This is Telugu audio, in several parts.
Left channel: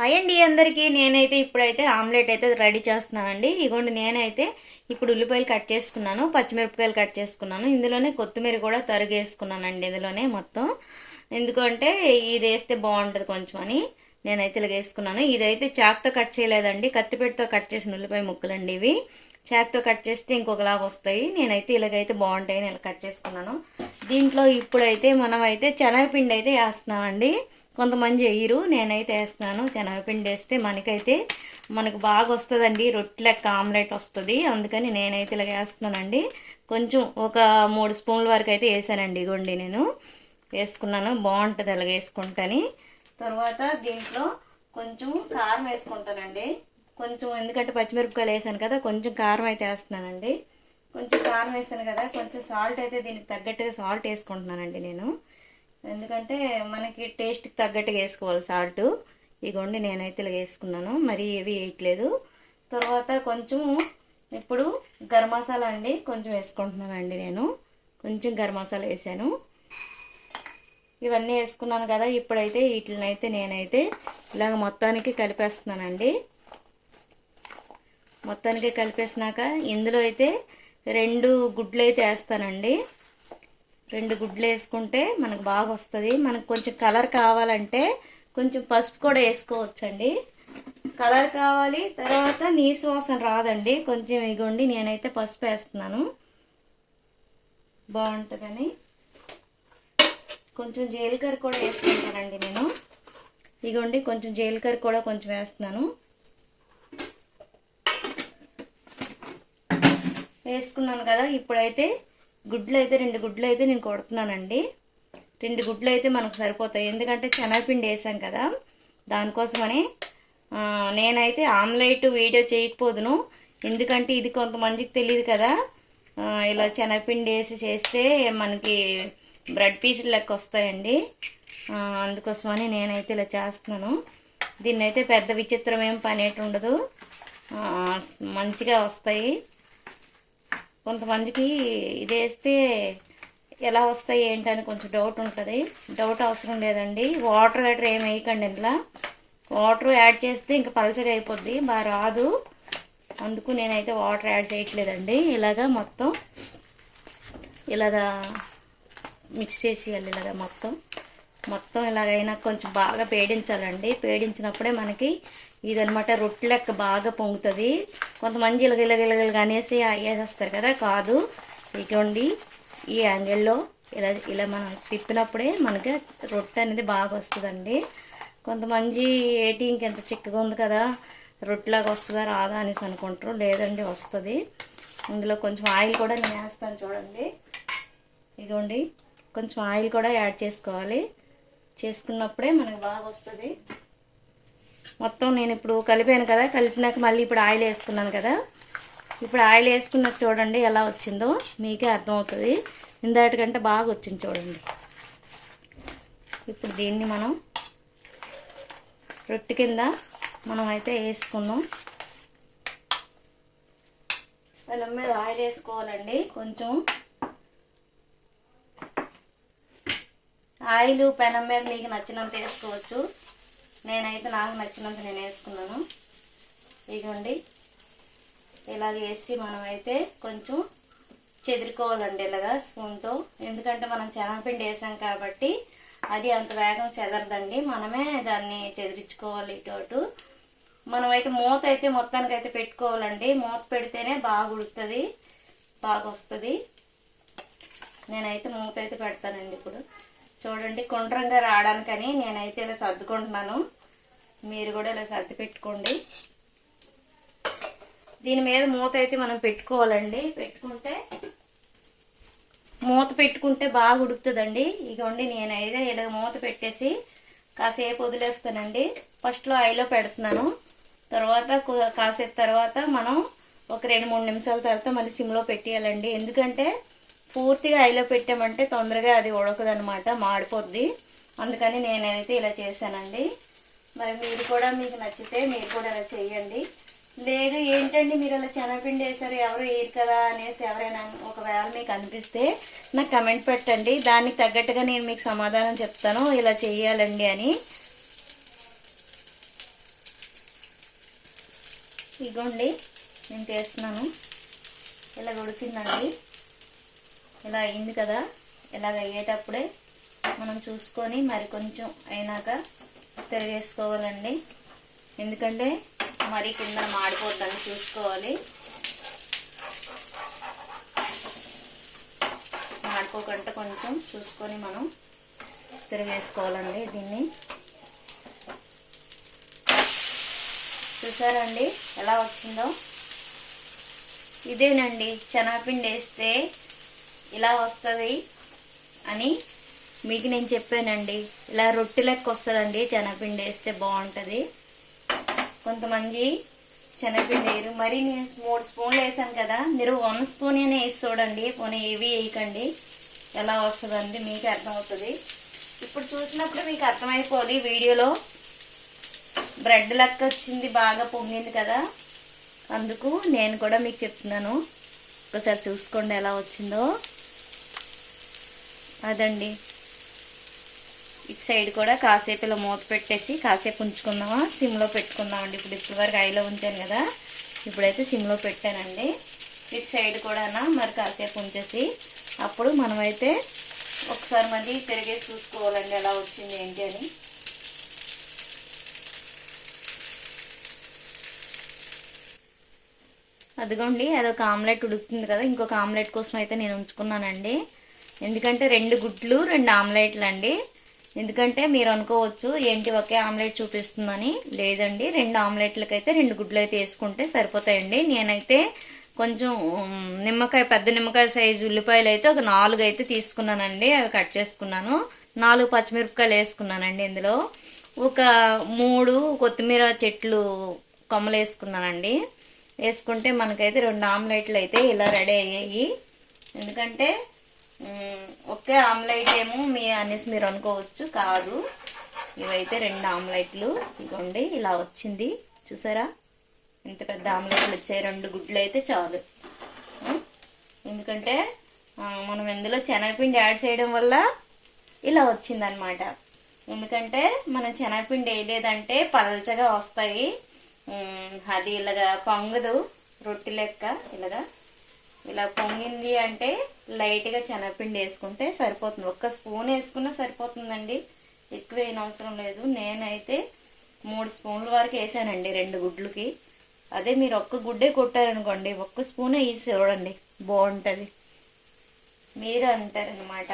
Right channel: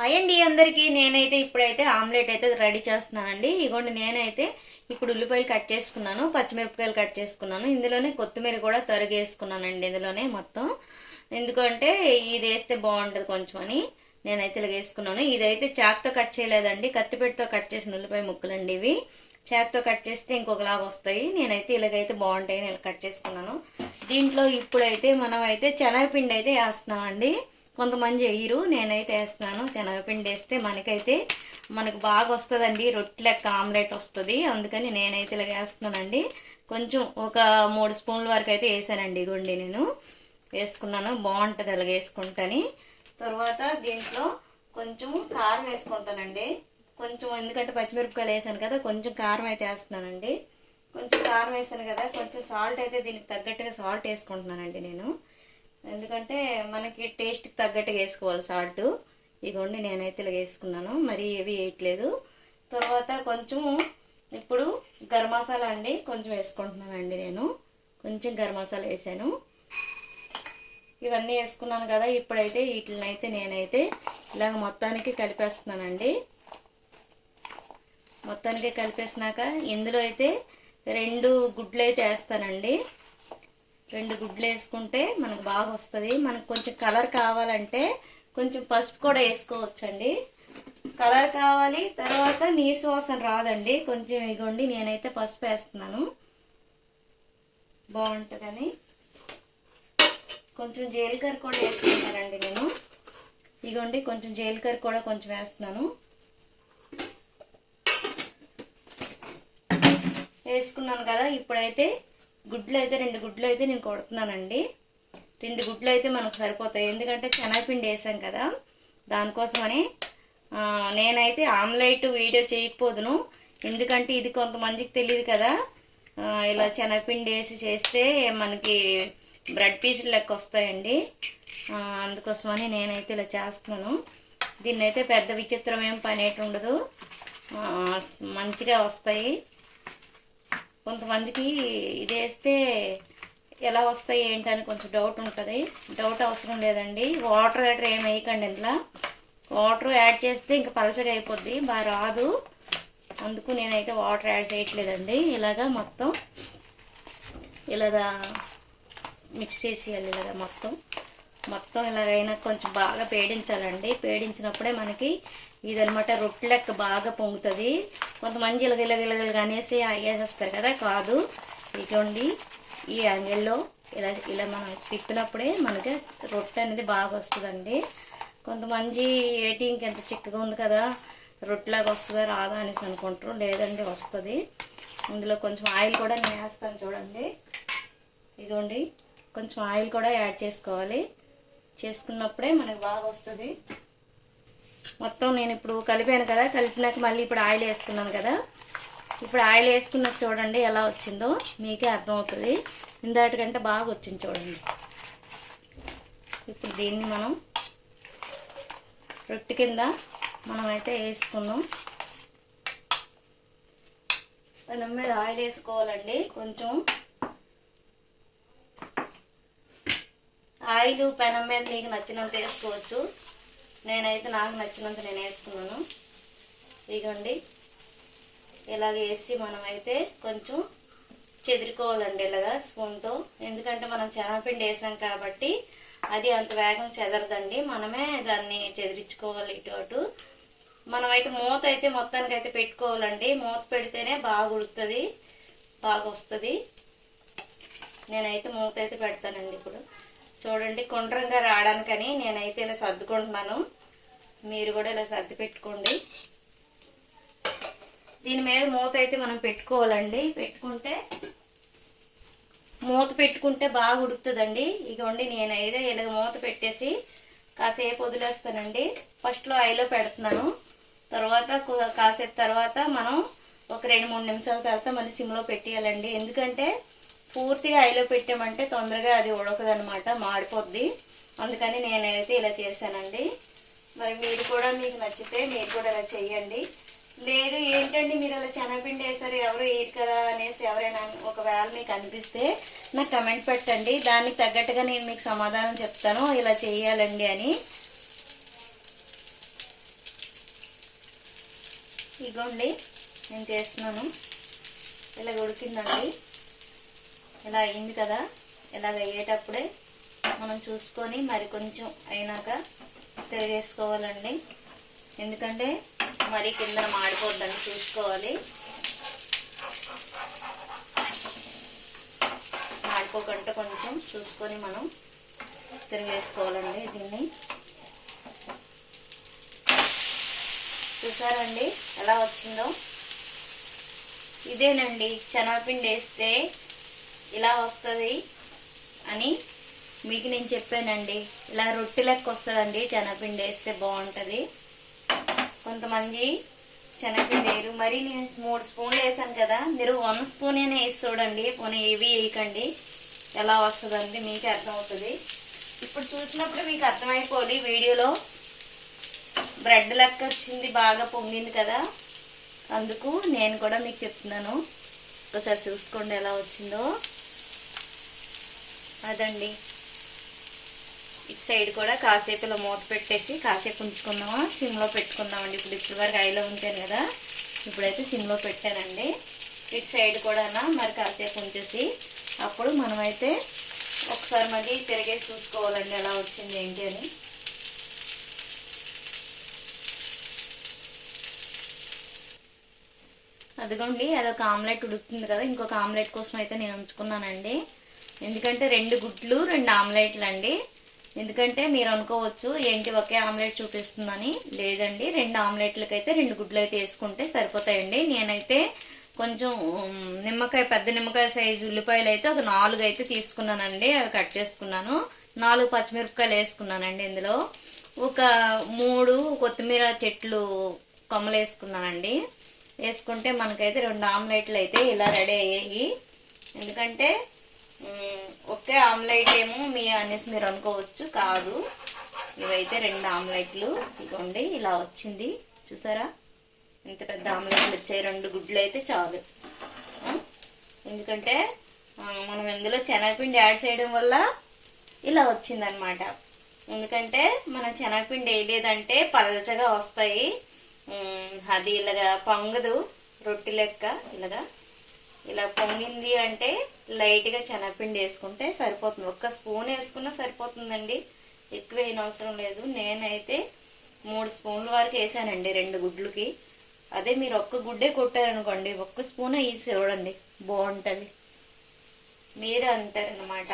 హాయ్ అండి అందరికీ. నేనైతే ఇప్పుడైతే ఆమ్లెట్ అయితే రెడీ చేస్తున్నానండి. ఇగోండి నేనైతే ఇప్పుడు ఉల్లిపాయలు కట్ చేసుకున్నాను, పచ్చిమిరపకాయలు కట్ చేసుకున్నాను, ఇందులోనే కొత్తిమీర కూడా తరిగేసుకున్నానండి ఇందులోనే మొత్తం. ఎందుకంటే ఇది వేస్తే బాగుంటుంది కొంచెం అని నేనైతే ఇలా వేసుకున్నాను. ఇదైతే చాక్తో కట్ చేయలేదండి, కత్తిపెట్టతో కట్ చేసిన ఉల్లిపాయ ముక్కలండి ఇవి. చాక్తో కట్ చేస్తే ఇంకొకలాగా వస్తాయి. నేనైతే ఇలాగైతే బాగుంటాయి ఇలా కట్ చేసుకున్నాను. దీంట్లో ఇప్పుడైతే మనం అయితే శనగపిండి అయితే వేస్తున్నానండి. కొంతమంది వేయరు, నేనైతే వేస్తున్నాను. శనగపిండి వేస్తే మనకు బాగా వస్తుందండి, రొట్టె లెక్క ఆమ్లెట్ వస్తుంది. అందుకని నేనైతే ఇలా వేస్తున్నానండి. కొంచెం ఒక 3 స్పూన్ల వరకు అయితే వేసానండి. ఇగోండి నేను వేసుకున్నాను, బాగుంటుంది అలా వేసుకుంటాని. తర్వాత దీంట్లో కొంచెం కారం వేసుకుంటానండి. కొంచెం ఎందుకంటే పచ్చిమిరపకాయలు వేసాను కదా, కొంచెం కారం అయితే వేస్తున్నానండి. కొంచెం కారం వేసాను కదా, కొంచెం సాల్ట్ అయితే దీనికి తగ్గట్టుగా సాల్ట్ వేసుకుంటున్నానండి నేను. ఎందుకంటే మనకి టేస్ట్కి తగ్గట్టుగా వేసుకోవాలి సాల్ట్. ఇగోండి నేనైతే ఇలా వేసుకున్నాను, మరి ఏవి వేయట్లేదు. తర్వాత కొంచెం ఇప్పుడు గరం మసాలా అండి కొంచెం వేసుకుంటున్నానండి నేను. కొంచెం గరం మసాలా వేసాను. ఇవన్నీ వేసుకున్నాను కదా, ఇప్పుడైతే వీటినైతే నేనైతే ఇలాగ మొత్తానికి కలిపేస్తున్నానండి. మొత్తానికి కలిపేసినాక ఇందులో అయితే 2 గుడ్లు అయితే వేస్తానండి. 2 గుడ్లు వేసుకుంటే మనకు బాగా వస్తుంది. మనకు కొంచెం కలర్ కావాలంటే కొంచెం పసుపు కూడా వేసుకోవచ్చండి. కలర్ కావాలి, తర్వాత నీసు వాసన రాదండి. కొంచెం ఇగోండి నేనైతే పసుపు వేస్తున్నాను బాగుంటుందని. కొంచెం జీలకర్ర కూడా వేసుకుంటానండి నేను. ఇగోండి కొంచెం జీలకర్ర కూడా కొంచెం వేస్తున్నాను. వేసుకున్నాను కదా, ఇప్పుడైతే గుడ్లు అయితే 2 గుడ్లు అయితే నేను కొడుతున్నానండి. 2 గుడ్లు అయితే మనకు సరిపోతాయి, ఎందుకంటే శనగపిండి వేసాం కదా దానికోసమని. నేనైతే ఆమ్లెట్ వీడియో చేయకపోదును, ఎందుకంటే ఇది కొంతమందికి తెలియదు కదా. ఇలా శనగపిండి వేసి చేస్తే మనకి బ్రెడ్ పీసులు లెక్క వస్తాయండి. అందుకోసమని నేనైతే ఇలా చేస్తున్నాను. దీన్ని అయితే పెద్ద విచిత్రం ఏం పని అయితే ఉండదు, మంచిగా వస్తాయి. కొంతమందికి ఇది వేస్తే ఎలా వస్తాయి ఏంటని కొంచెం డౌట్ ఉంటుంది. డౌట్ అవసరం లేదండి. వాటర్ ఏం వేయకండి. ఇందులో వాటర్ యాడ్ చేస్తే ఇంకా పలచగా అయిపోద్ది, బాగా రాదు. అందుకు నేనైతే వాటర్ యాడ్ చేయట్లేదండి. ఇలాగా మొత్తం ఇలాగా మిక్స్ చేసేయాలి. ఇలాగా మొత్తం ఇలాగైనా కొంచెం బాగా పేడించాలండి. పేడించినప్పుడే మనకి ఇదనమాట రొట్టె లెక్క బాగా పొంగుతుంది. కొంతమంది ఇలాగ అనేసి వేసేస్తారు కదా, కాదు. ఇటువంటి ఈ యాంగిల్లో ఇలా మనం తిప్పినప్పుడే మనకి రొట్టె అనేది బాగా వస్తుందండి. కొంతమంది ఏంటి ఇంకెంత చిక్కగా ఉంది కదా, రొట్టెలాగా వస్తుందా రాదా అనేసి అనుకుంటారు. లేదండి, వస్తుంది. ఇందులో కొంచెం ఆయిల్ కూడా నేను వేస్తాను చూడండి. ఇదిగోండి కొంచెం ఆయిల్ కూడా యాడ్ చేసుకోవాలి. చేసుకున్నప్పుడే మనకు బాగా వస్తుంది. మొత్తం నేను ఇప్పుడు కలిపాను కదా, కలిపినాక మళ్ళీ ఇప్పుడు ఆయిల్ వేసుకున్నాను కదా. ఇప్పుడు ఆయిల్ వేసుకున్నాక చూడండి ఎలా వచ్చిందో మీకే అర్థమవుతుంది. ఇందాటికంటే బాగా వచ్చింది చూడండి. ఇప్పుడు దీన్ని మనం రొట్టె కింద మనం అయితే వేసుకున్నాం. పెనం మీద ఆయిల్ వేసుకోవాలండి. కొంచెం ఆయిల్ పెనం మీద మీకు నచ్చినంత వేసుకోవచ్చు. నేనైతే నాకు నచ్చినంత నేను వేసుకున్నాను. ఇదిగోండి ఇలాగ వేసి మనం అయితే కొంచెం చెదురుకోవాలండి ఇలాగా స్పూన్తో. ఎందుకంటే మనం శనగపిండి వేసాం కాబట్టి అది అంత వేగం చెదరదండి. మనమే దాన్ని చెదిరించుకోవాలి ఇటు అటు. మనమైతే మూత అయితే మొత్తానికైతే పెట్టుకోవాలండి. మూత పెడితేనే బాగా ఉడుకుతుంది, బాగా వస్తుంది. నేనైతే మూత అయితే పెడతానండి. ఇప్పుడు చూడండి గుండ్రంగా రావడానికని నేనైతే ఇలా సర్దుకుంటున్నాను. మీరు కూడా ఇలా సర్ది పెట్టుకోండి. దీని మీద మూత అయితే మనం పెట్టుకోవాలండి. మూత పెట్టుకుంటే బాగా ఉడుకుతుందండి. ఇగోండి నేనైతే ఇలా మూత పెట్టేసి కాసేపు వదిలేస్తానండి. ఫస్ట్లో ఆయిల్లో పెడుతున్నాను, తర్వాత కాసేపు తర్వాత మనం ఒక 2-3 నిమిషాల తర్వాత మళ్ళీ సిమ్లో పెట్టేయాలండి. ఎందుకంటే పూర్తిగా ఆయిల్లో పెట్టామంటే తొందరగా అది ఉడకదనమాట, మాడిపోద్ది. అందుకని నేనైతే ఇలా చేశానండి. మరి మీరు కూడా మీకు నచ్చితే మీరు కూడా ఇలా చేయండి. లేదు ఏంటండి మీరు ఇలా శనగపిండి వేసారు ఎవరు వేయరు కదా అనేసి ఎవరైనా ఒకవేళ మీకు అనిపిస్తే నాకు కమెంట్ పెట్టండి. దానికి తగ్గట్టుగా నేను మీకు సమాధానం చెప్తాను ఇలా చేయాలండి అని. ఇగోండి నేను చేస్తున్నాను. ఇలా ఉడికిందండి, ఇలా అయింది కదా. ఇలాగ అయ్యేటప్పుడే మనం చూసుకొని మరి కొంచెం అయినాక తిరిగేసుకోవాలండి. ఎందుకంటే మరి కింద మాడిపోద్దని చూసుకోవాలి. మాడిపోకుండా కొంచెం చూసుకొని మనం తిరిగేసుకోవాలండి. దీన్ని చూసారండి ఎలా వచ్చిందో. ఇదేనండి శనగపిండి వేస్తే ఇలా వస్తుంది అని మీకు నేను చెప్పానండి. ఇలా రొట్టె లెక్క వస్తుందండి శనగపిండి వేస్తే బాగుంటుంది. కొంతమంది శనగపిండి వేయరు. మరి నేను 3 స్పూన్లు వేసాను కదా, మీరు 1 స్పూన్ అయినా వేసి చూడండి. పోనీ ఏవి వేయకండి, ఎలా వస్తుందండి మీకు అర్థమవుతుంది. ఇప్పుడు చూసినప్పుడు మీకు అర్థమైపోవాలి. వీడియోలో బ్రెడ్ లెక్క వచ్చింది, బాగా పొంగింది కదా, అందుకు నేను కూడా మీకు చెప్తున్నాను. ఒకసారి చూసుకోండి ఎలా వచ్చిందో. అదండి ఇటు సైడ్ కూడా కాసేపు ఇలా మూత పెట్టేసి కాసేపు ఉంచుకుందామా, సిమ్లో పెట్టుకుందామండి. ఇప్పుడు వరకు హైలో ఉంచాను కదా, ఇప్పుడైతే సిమ్లో పెట్టానండి. ఇటు సైడ్ కూడా మరి కాసేపు ఉంచేసి అప్పుడు మనమైతే ఒకసారి మరి తిరిగేసి చూసుకోవాలండి ఎలా వచ్చింది ఏంటి అని. అదిగోండి అదొక ఆమ్లెట్ ఉడుకుతుంది కదా, ఇంకొక ఆమ్లెట్ కోసం అయితే నేను ఉంచుకున్నానండి. ఎందుకంటే 2 గుడ్లు 2 ఆమ్లెట్లు అండి. ఎందుకంటే మీరు అనుకోవచ్చు ఏంటి ఒకే ఆమ్లెట్ చూపిస్తుందని. లేదండి, 2 ఆమ్లెట్లకి అయితే 2 గుడ్లు అయితే వేసుకుంటే సరిపోతాయండి. నేనైతే కొంచెం నిమ్మకాయ, పెద్ద నిమ్మకాయ సైజు ఉల్లిపాయలు అయితే ఒక 4 అయితే తీసుకున్నానండి. అవి కట్ చేసుకున్నాను. 4 పచ్చిమిరపకాయలు వేసుకున్నానండి. ఇందులో ఒక 3 కొత్తిమీర చెట్లు కొమ్మలు వేసుకున్నానండి. వేసుకుంటే మనకైతే 2 ఆమ్లెట్లు అయితే ఇలా రెడీ అయ్యాయి. ఎందుకంటే ఒకే ఆమ్లెట్ ఏమో అనేసి మీరు అనుకోవచ్చు, కాదు, ఇవైతే 2 ఆమ్లెట్లు. ఇదిగోండి ఇలా వచ్చింది చూసారా, ఇంత పెద్ద ఆమ్లెట్లు వచ్చాయి. 2 గుడ్లు అయితే చాలు. ఎందుకంటే మనం ఇందులో శనగపిండి యాడ్ చేయడం వల్ల ఇలా వచ్చిందనమాట. ఎందుకంటే మనం శనగపిండి వేయలేదంటే పలచగా వస్తాయి. అది ఇలాగా పొంగదు, రొట్టె లెక్క ఇలాగా. ఇలా పొంగింది అంటే లైట్గా శనగపిండి వేసుకుంటే సరిపోతుంది. 1 స్పూన్ వేసుకున్నా సరిపోతుందండి, ఎక్కువ వేయని అవసరం లేదు. నేనైతే 3 స్పూన్ల వరకు వేసానండి 2 గుడ్లకి. అదే మీరు 1 గుడ్డే కొట్టారనుకోండి, 1 స్పూన్ వేసి చూడండి, బాగుంటుంది. మీరే అంటారనమాట,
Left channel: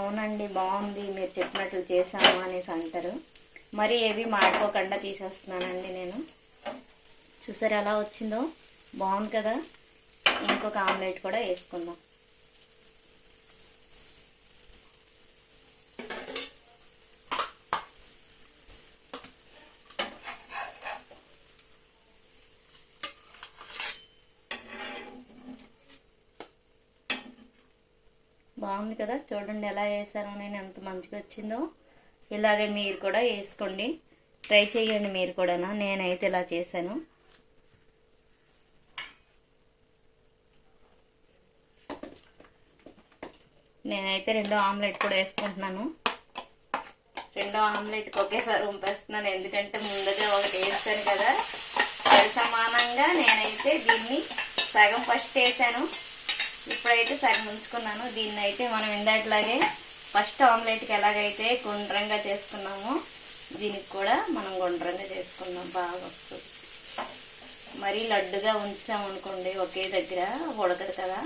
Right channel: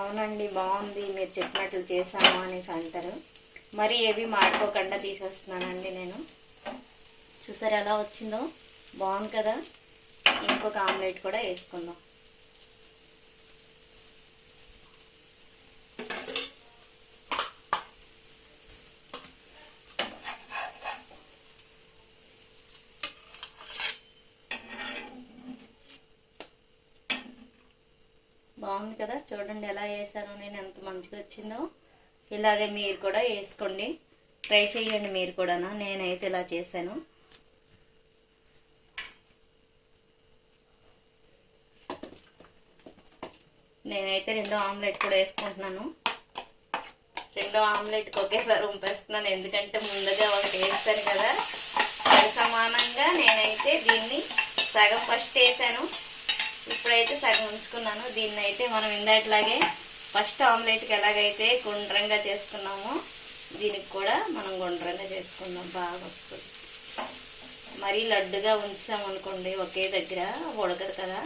అవునండి బాగుంది మీరు చెప్పినట్లు చేశాను అనేసి అంటారు. మరి ఏవి మాడిపోకుండా తీసేస్తున్నానండి నేను. చూసారు ఎలా వచ్చిందో, బాగుంది కదా. ఇంకొక ఆమ్లెట్ కూడా వేసుకుందాం. బాగుంది కదా, చూడండి ఎలా వేసానో నేను, ఎంత మంచిగా వచ్చిందో. ఇలాగే మీరు కూడా వేసుకోండి, ట్రై చేయండి మీరు కూడా. నేనైతే ఇలా చేశాను. నేనైతే 2 ఆమ్లెట్ కూడా వేసుకుంటున్నాను. 2 ఆమ్లెట్కి ఒకేసారి ఉంపేస్తున్నాను, ఎందుకంటే ముందుగా ఒకటి వేస్తాను కదా. సరి సమానంగా నేనైతే దీన్ని సగం ఫస్ట్ వేసాను, ఇప్పుడైతే సగం ఉంచుకున్నాను. దీన్ని అయితే మనం ఇందాట్లాగే ఫస్ట్ ఆమ్లెట్కి ఎలాగైతే గుండ్రంగా చేసుకున్నామో దీనికి కూడా మనం గుండ్రంగా చేసుకుందాం, బాగా వస్తుంది. మరీ లడ్డుగా ఉంచామనుకోండి ఒకే దగ్గర ఉడకదు కదా,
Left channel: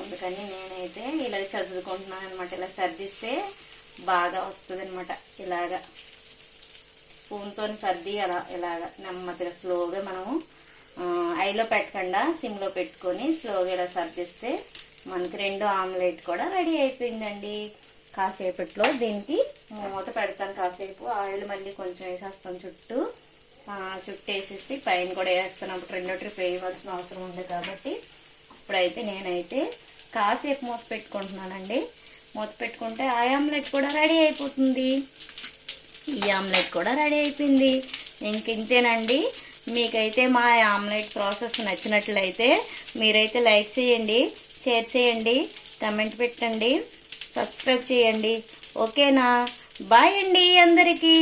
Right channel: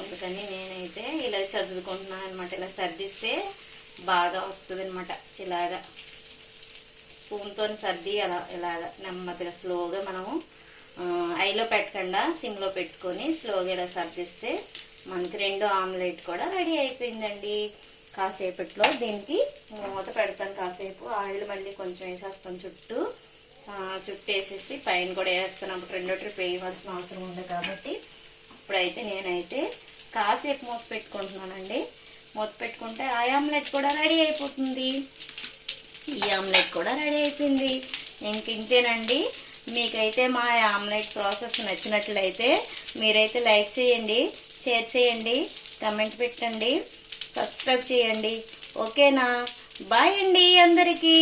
అందుకని నేనైతే ఇలా సర్దుకుంటున్నాను అనమాట. ఇలా సర్దిస్తే బాగా వస్తుంది అనమాట. ఇలాగా స్పూన్తో సర్ది అలా ఇలాగా నెమ్మదిగా స్లోగా మనము ఐలో పెట్టకుండా సిమ్లో పెట్టుకొని స్లోగా ఇలా సర్దిస్తే మనకి 2 ఆమ్లెట్ కూడా రెడీ అయిపోయిందండి. కాసేపట్లో దీనికి మూత పెడతాను. కాసేపు ఆయిల్ మళ్ళీ కొంచెం వేసేస్తాను, చుట్టూ వేసేసి పైన కూడా వేస్తాను. అప్పుడు 2 ట్రిప్ వేయవలసిన అవసరం ఉంది కాబట్టి ఇప్పుడైతే నేనైతే కాసేపు మూత పెట్టుకుంటున్నానండి. మూత పెట్టుకుంటే ఆ ఆమ్లెట్ కూడా రెడీ అయిపోతుంది. ఈ ఆమ్లెట్ కూడా రెడీ అయిపోయింది. ఇంకేనండి, మీకైతే మా ఆమ్లెట్ ప్రాసెస్ నచ్చినట్లయితే మీరైతే లైక్ చేయండి, షేర్ చేయండి, కమెంట్ పెట్టండి, సబ్స్క్రైబ్ చేయండి. ఓకేనా? బాయ్ అండి అందరికీ.